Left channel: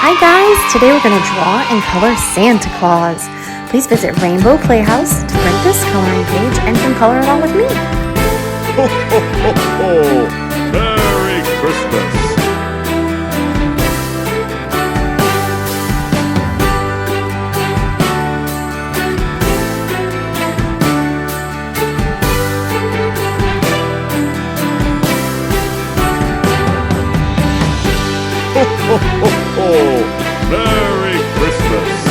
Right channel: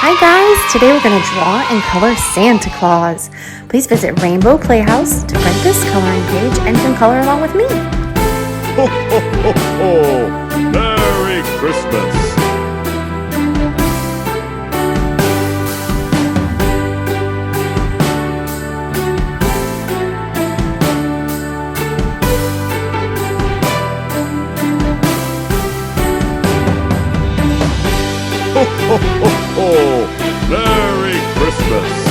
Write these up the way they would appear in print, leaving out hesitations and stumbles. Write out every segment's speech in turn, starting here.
Hi guys, today we're going to draw and color Santa Claus. Please visit Rainbow Playhouse to print this coloring page and can color along with me. Ho, ho, ho, ho! Merry Christmas! Ho, ho, ho, ho! Merry Christmas!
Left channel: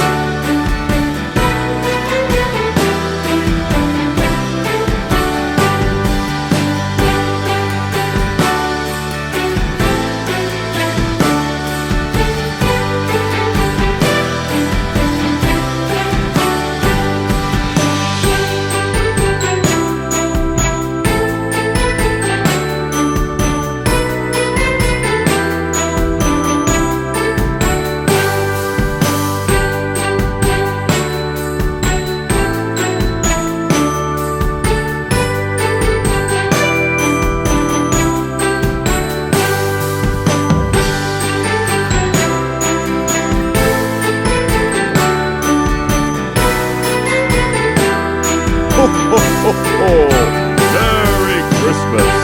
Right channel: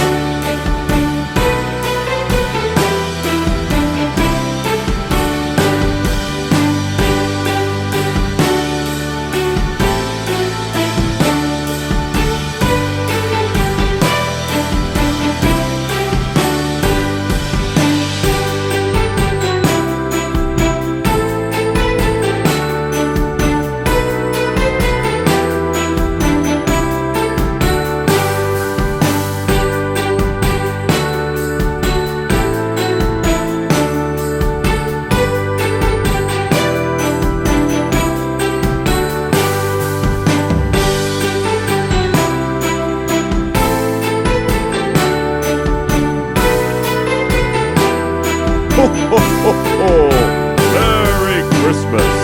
Ho, ho, ho, ho! Merry Christmas!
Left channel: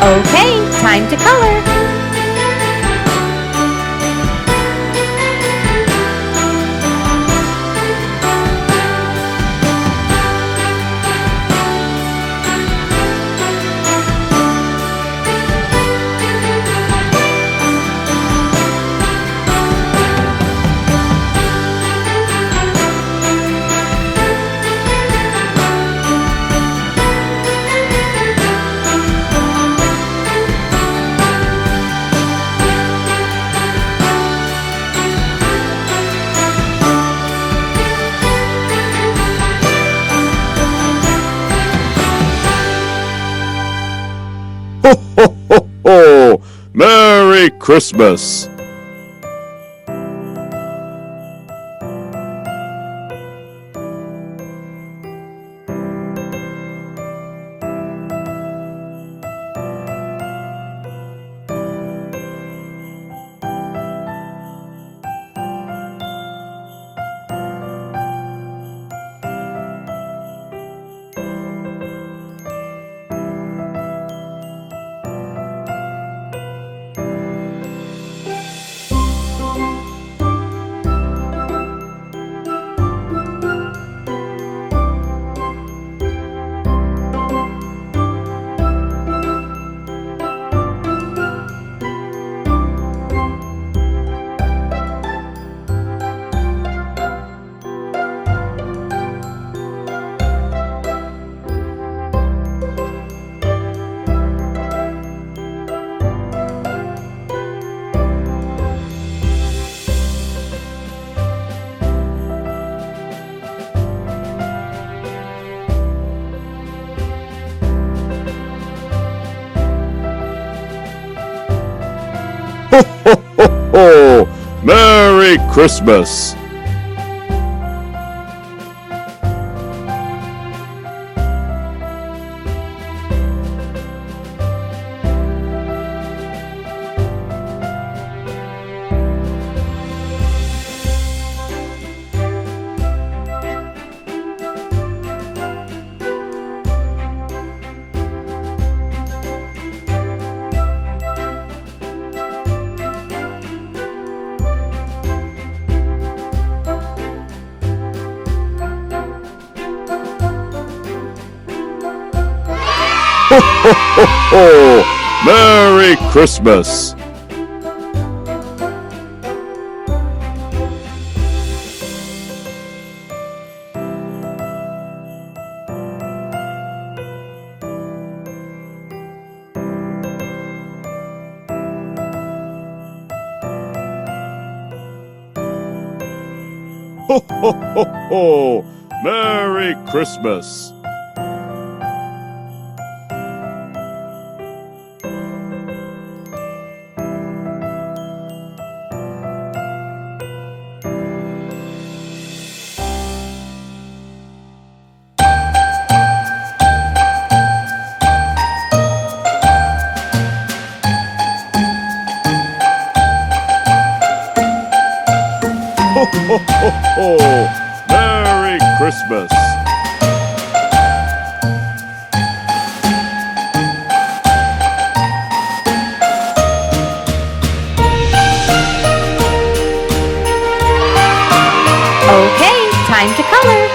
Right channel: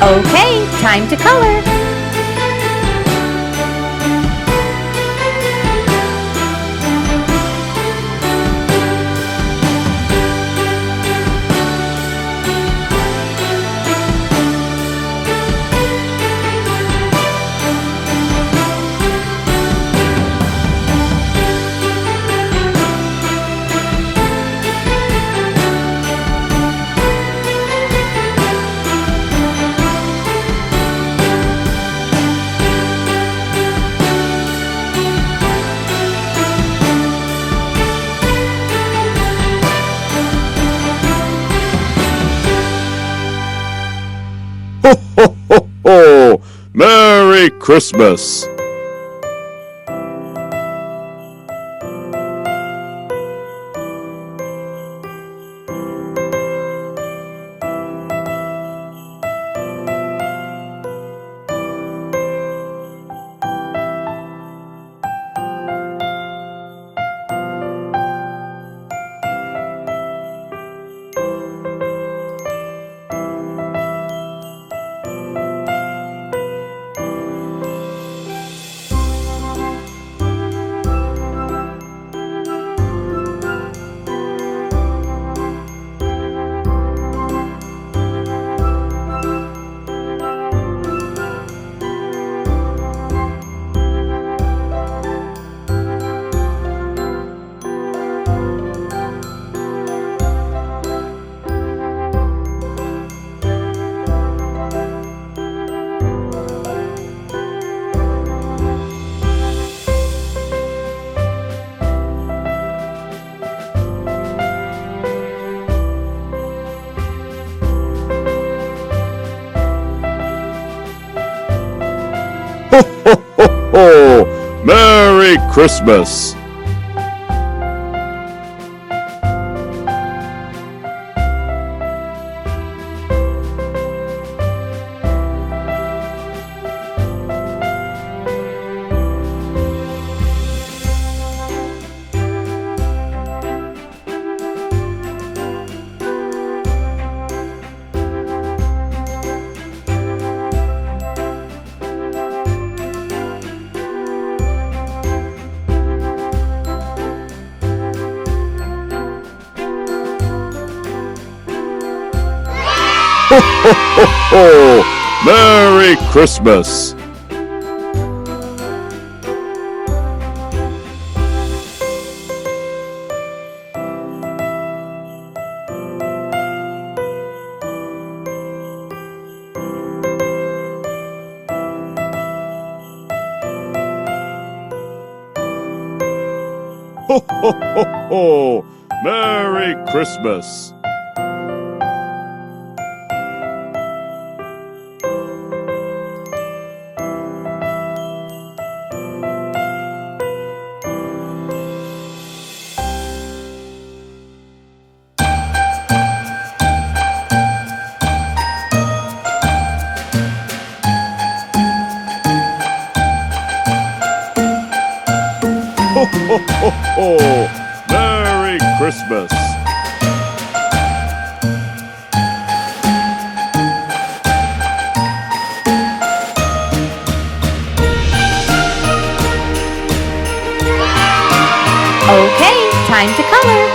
Okay, time to color. Ho, ho, ho, ho! Merry Christmas! Ho, ho, ho, ho! Merry Christmas! Ho, ho, ho, ho! Merry Christmas! Ho, ho, ho, ho! Merry Christmas! ho, ho! Merry Christmas! Okay, time to color.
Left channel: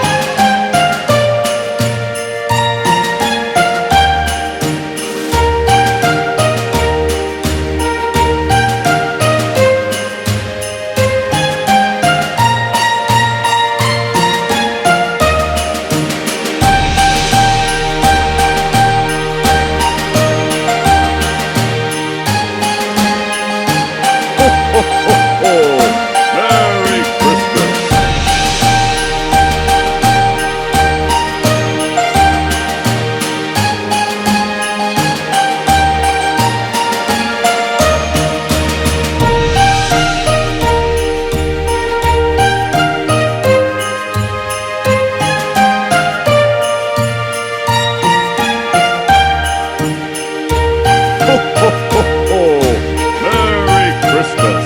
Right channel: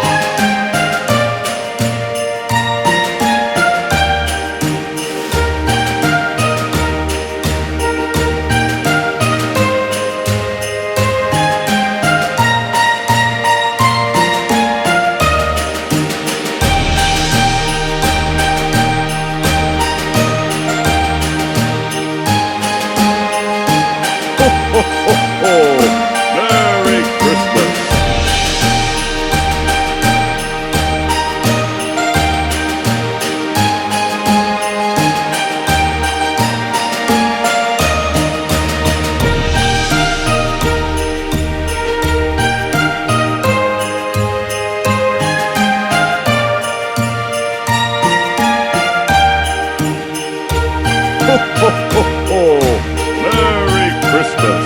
Ho, ho, ho, ho! Merry Christmas! Ho, ho, ho, ho! Merry Christmas!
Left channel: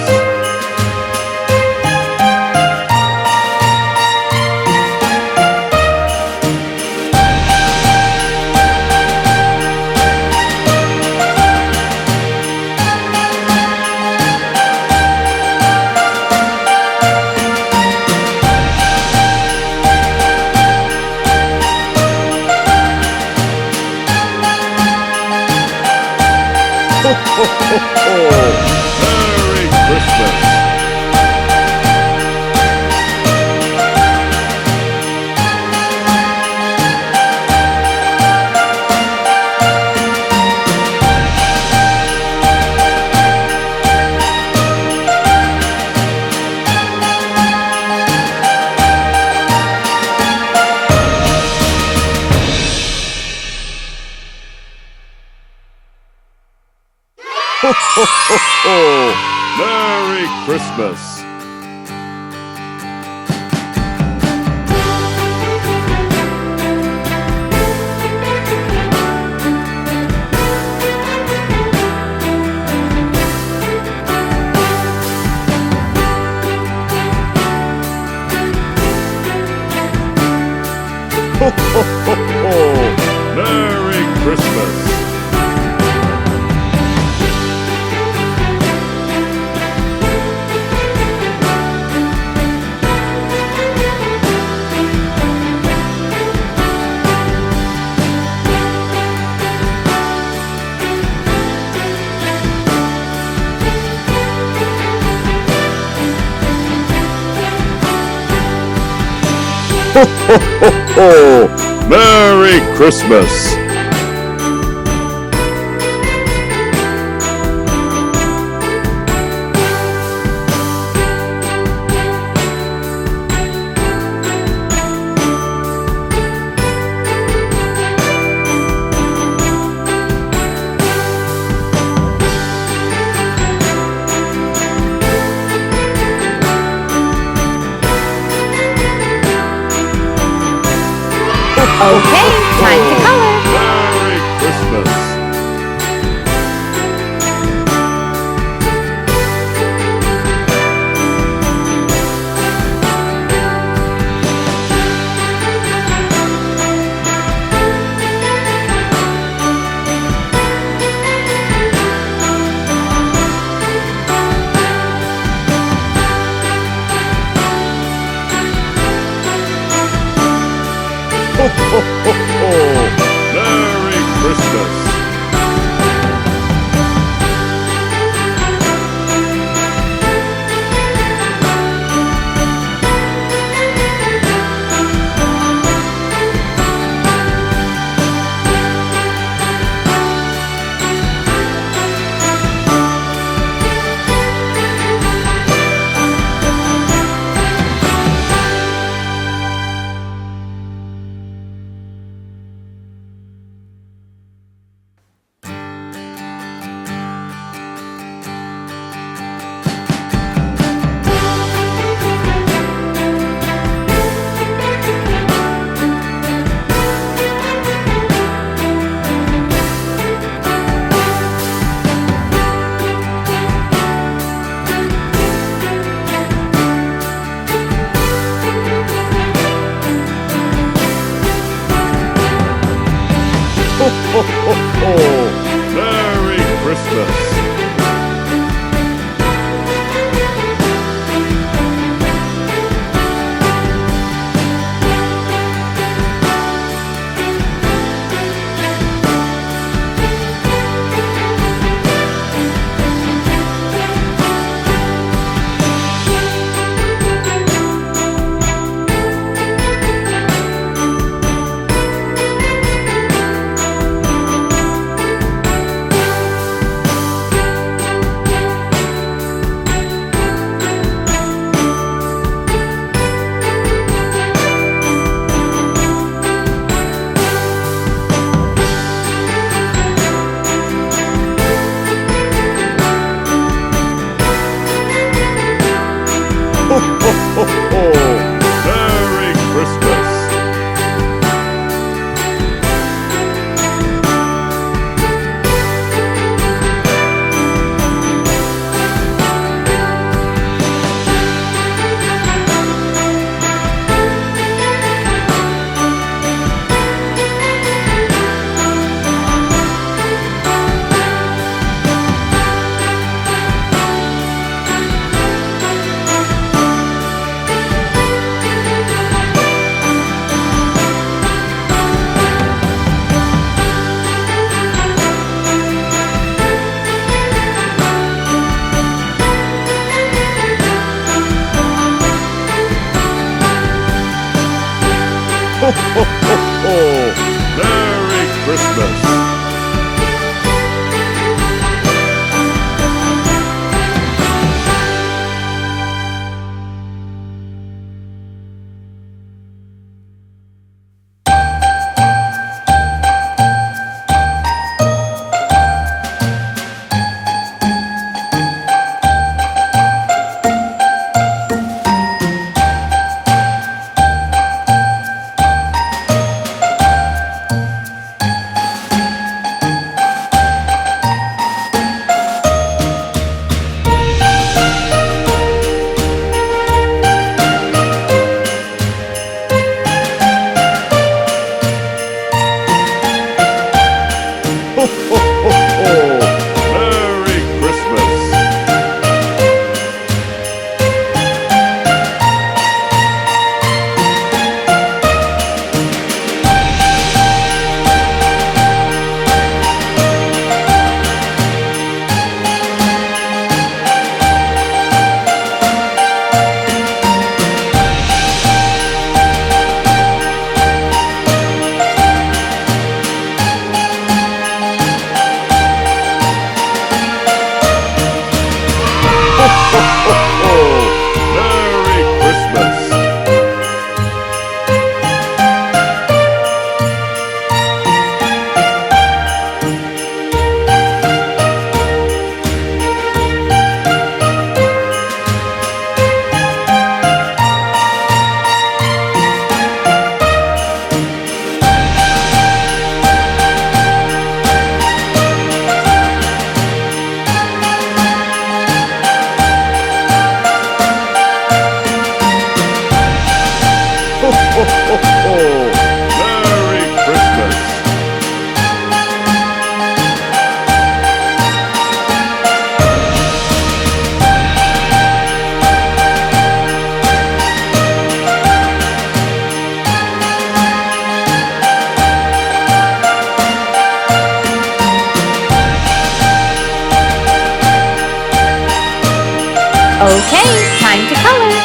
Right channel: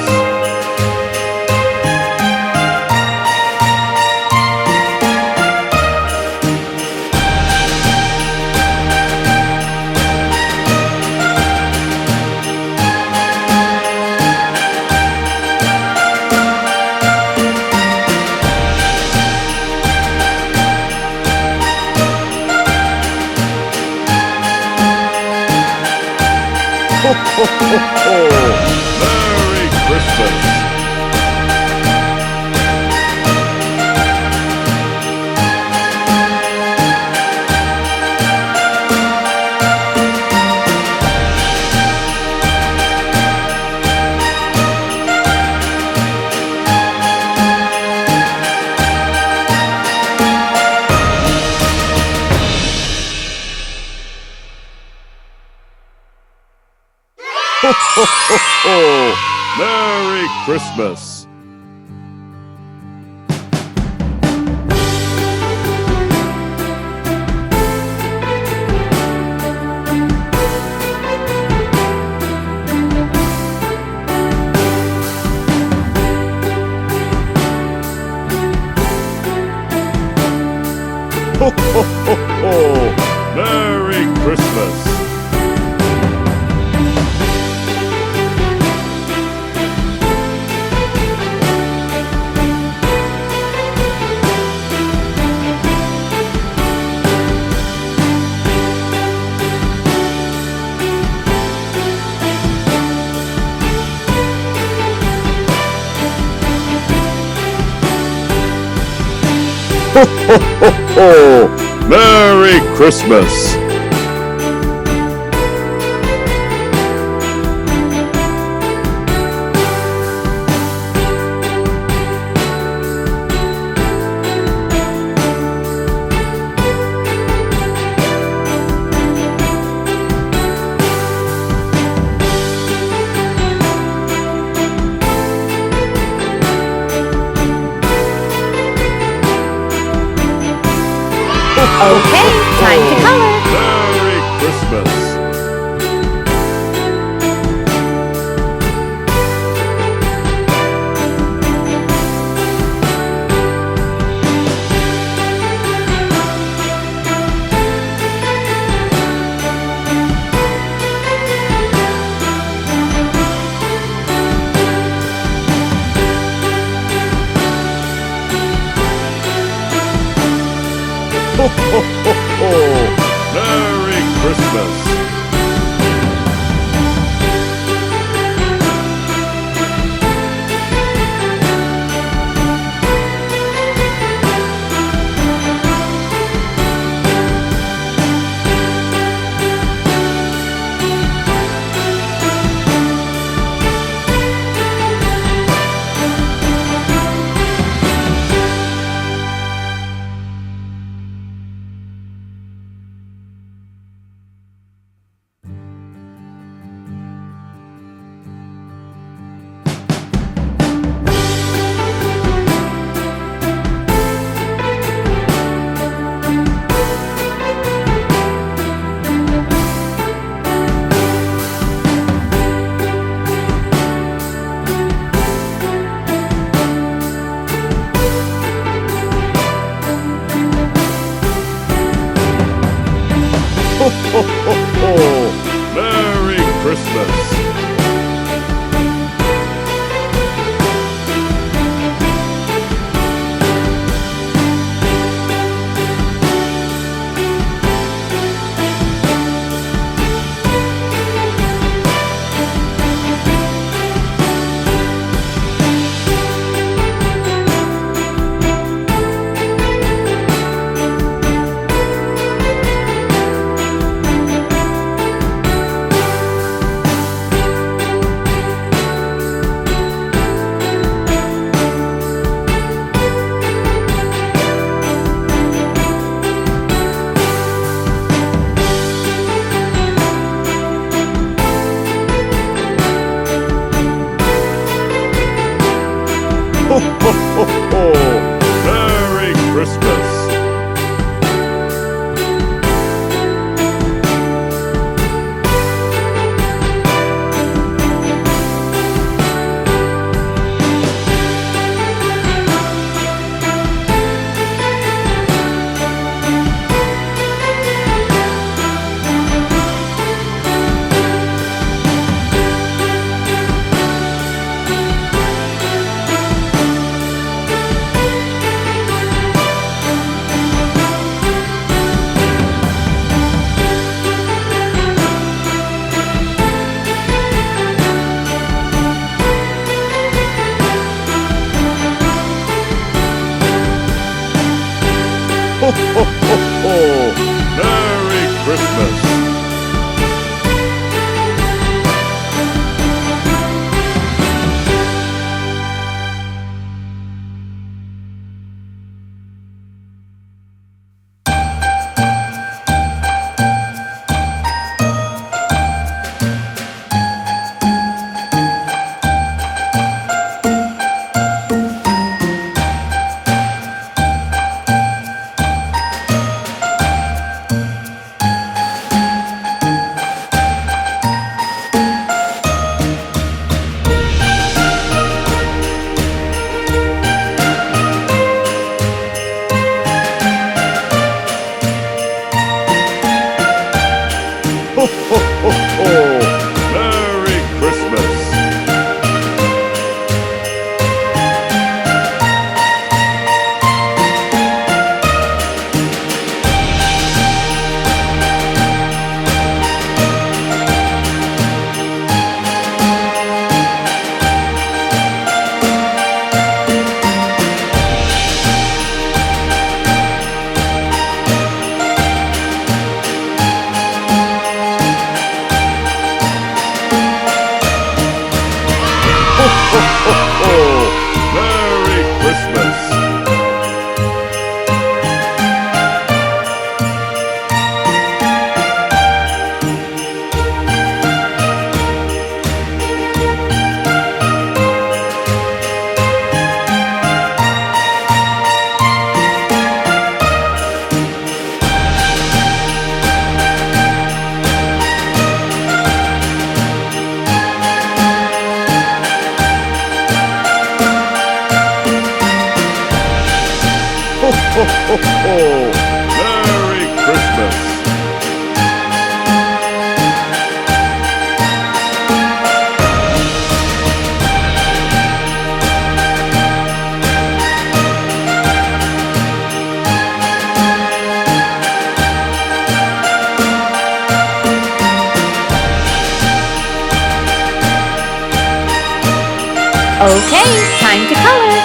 Ho, ho, ho, ho! Merry Christmas! Ho, ho, ho, ho! Merry Christmas! Ho, ho, ho, ho! Merry Christmas! Ho, ho, ho, ho! Merry Christmas! Okay, time to color. Merry Christmas! Ho, ho, ho, ho! Merry Christmas! ho, ho, ho! Merry Christmas! Ho, ho, ho, ho! Merry Christmas! Ho, ho, ho, ho! Merry Christmas! Ho, ho, ho, ho! Merry Christmas! Ho, ho, ho, ho! Merry Christmas! Ho, ho, ho, ho! Merry Christmas! Okay, time to color.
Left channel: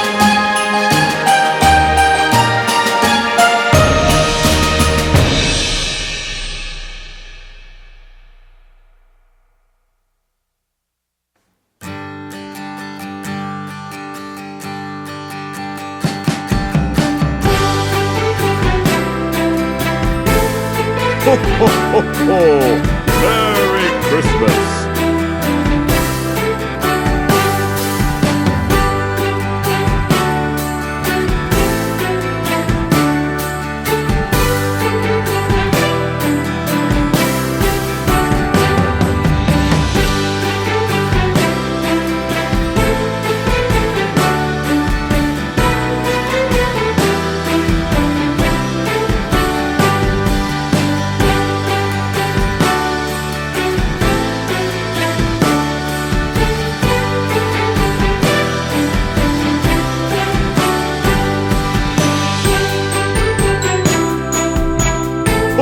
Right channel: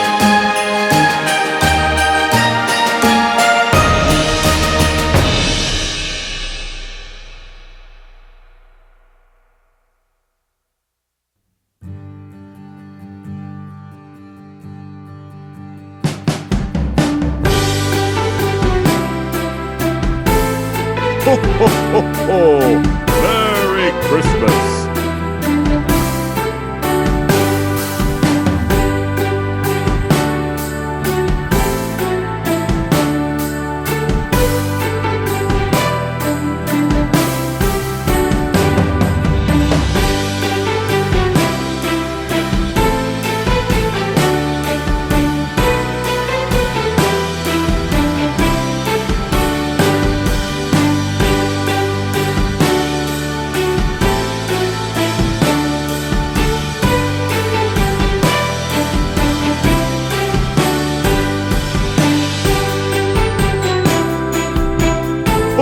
Ho, ho, ho, ho! Merry Christmas!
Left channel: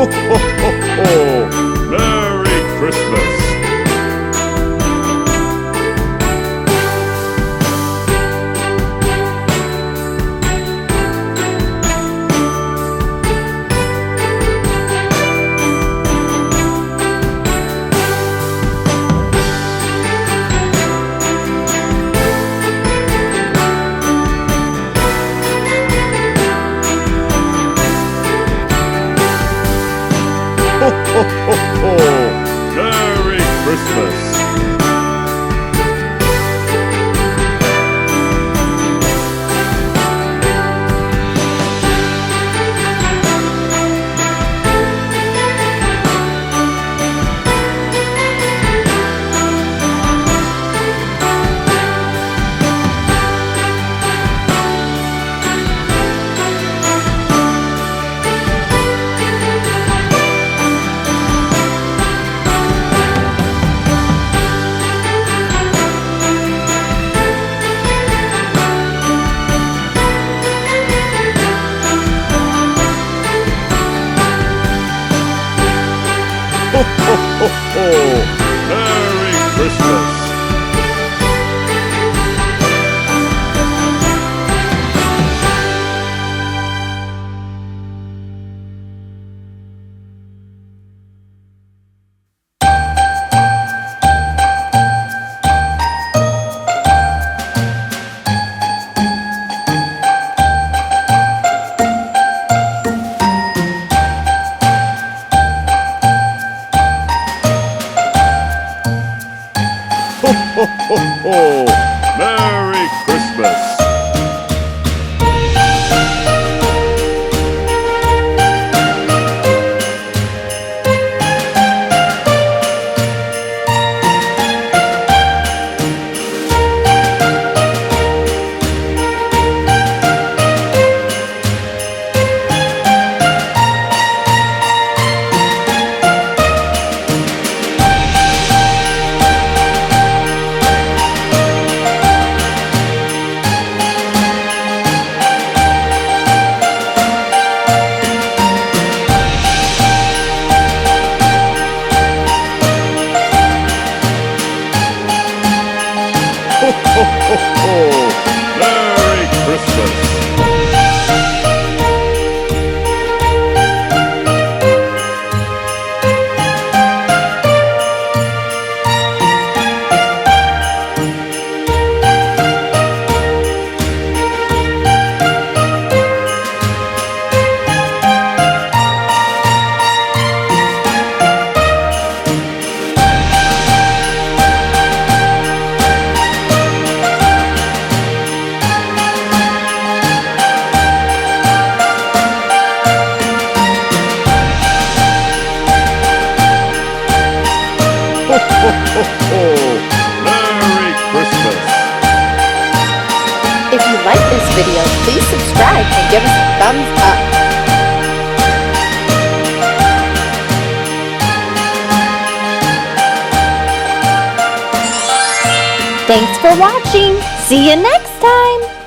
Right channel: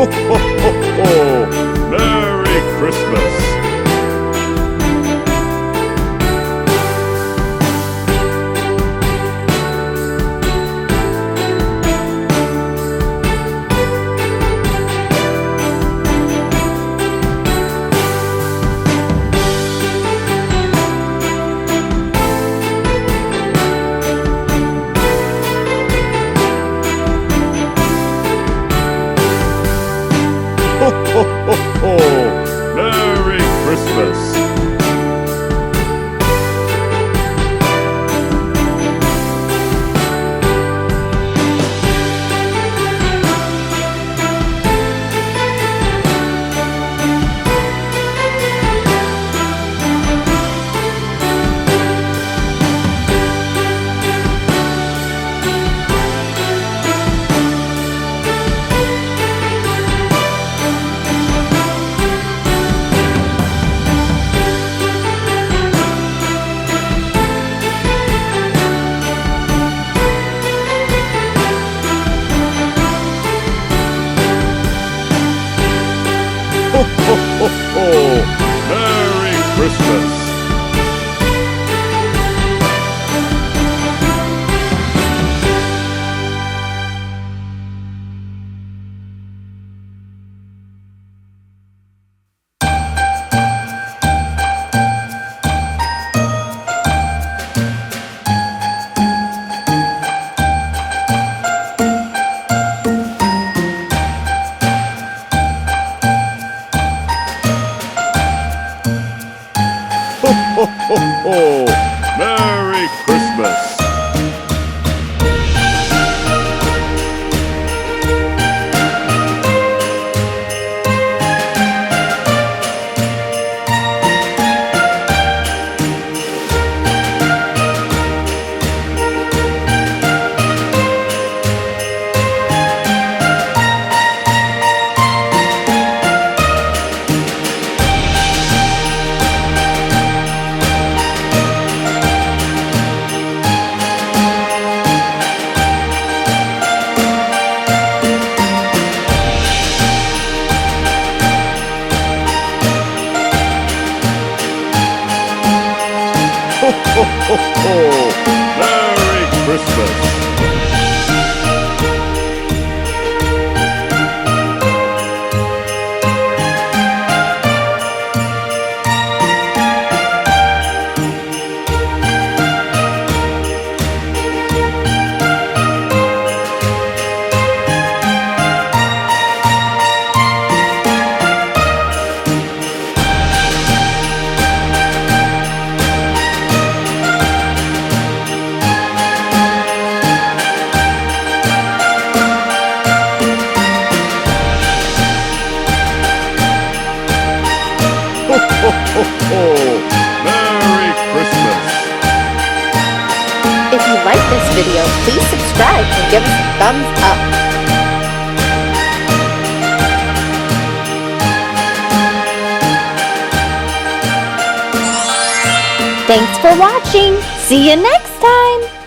Ho, ho, ho, ho! Merry Christmas! Ho, ho, ho, ho! Merry Christmas! Ho, ho, ho, ho! Merry Christmas! Ho, ho, ho, ho! Merry Christmas! Ho, ho, ho, ho! Merry Christmas! Ho, ho, ho, ho! Merry Christmas! If you like this video, please subscribe and give us a thumbs up. Thanks for watching. See you next time.